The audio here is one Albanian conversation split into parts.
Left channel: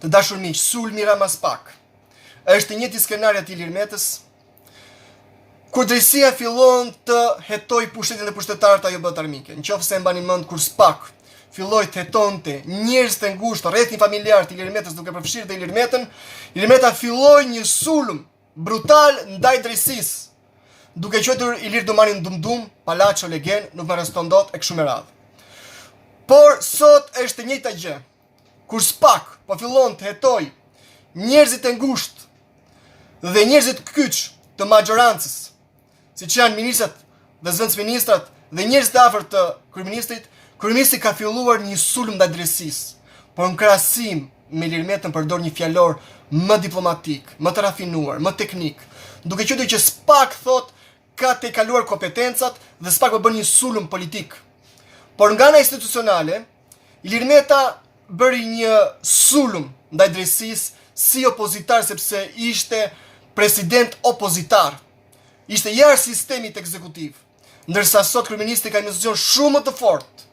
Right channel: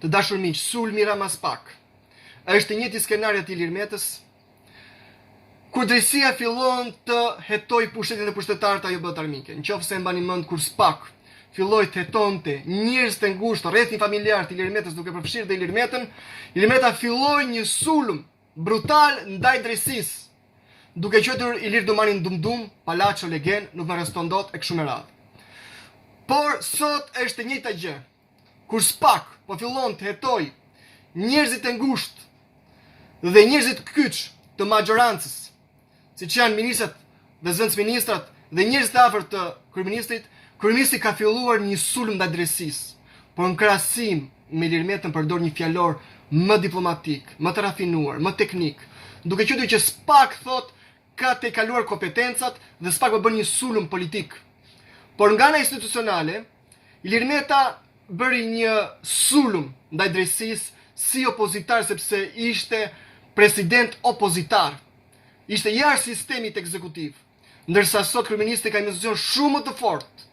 Të dashur miq, sulmi Rama Spak është i njëjti skenario i Ilir Metës, kur drejtësia fillon të hetoj pushtetin dhe pushtetarët ajo bëhet armike. Nëse e mbani mend kur Spak filloi të hetonte njerëz të ngushtë rrethin familjar të Ilir Metës duke përfshirë dhe Ilir Metën, Ilir Meta filloi një sulm brutal ndaj drejtësisë, duke quajtur Ilir Domanin Dumdum, Palacio Legen, nuk më arreston dot e kështu me radhë. Por sot është e njëjta gjë. Kur Spak po fillon të hetoj njerëzit e ngushtë dhe njerëzit kyç të majorancës, siç janë ministrat dhe zëvendësministrat dhe njerëzit e afërt të kryeministrit, kryeministri ka filluar një sulm ndaj drejtësisë, por në krahasim me Ilir Metën përdor një fjalor më diplomatik, më të rafinuar, më teknik, duke qenë që Spak thot ka të kaluar kompetencat dhe Spak po bën një sulm politik. Por nga ana institucionale, Ilir Meta bëri një sulm ndaj drejtësisë si opozitar, sepse ishte president opozitar. Ishte jashtë sistemit ekzekutiv, ndërsa sot kryeministri ka një pozicion shumë më të fortë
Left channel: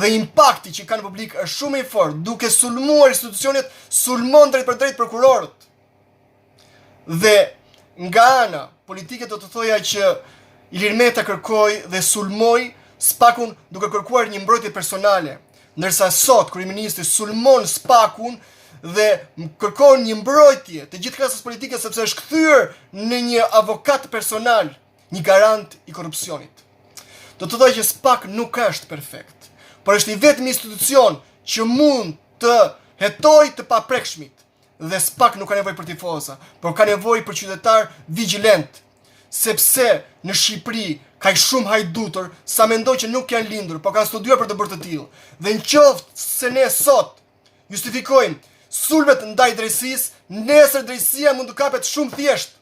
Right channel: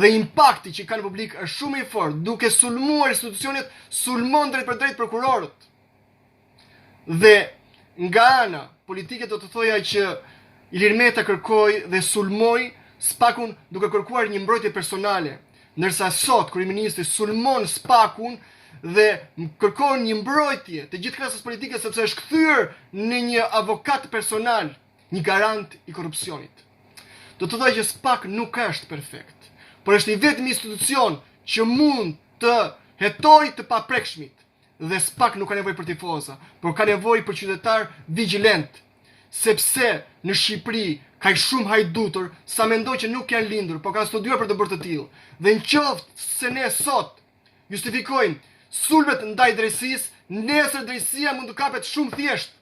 dhe impakti që ka në publik është shumë i fortë, duke sulmuar institucionet, sulmon drejt për drejt prokurorët. Dhe nga ana politike do të thoja që Ilir Meta kërkoi dhe sulmoi Spakun duke kërkuar një mbrojtje personale, ndërsa sot kryeministri sulmon Spakun dhe kërkon një mbrojtje të gjithë klasës politike sepse është kthyer në një avokat personal, një garant i korrupsionit. Do të thotë që Spak nuk është perfekt, por është i vetmi institucion që mund të hetojë të paprekshmit dhe Spak nuk ka nevojë për tifoza, por ka nevojë për qytetar vigjilent, sepse në Shqipëri ka shumë hajdutur sa mendoj që nuk janë lindur, por kanë studiuar për të bërë të tillë. Dhe nëse se ne sot justifikojmë sulmet ndaj drejtësisë, nesër drejtësia mund të kapet shumë thjesht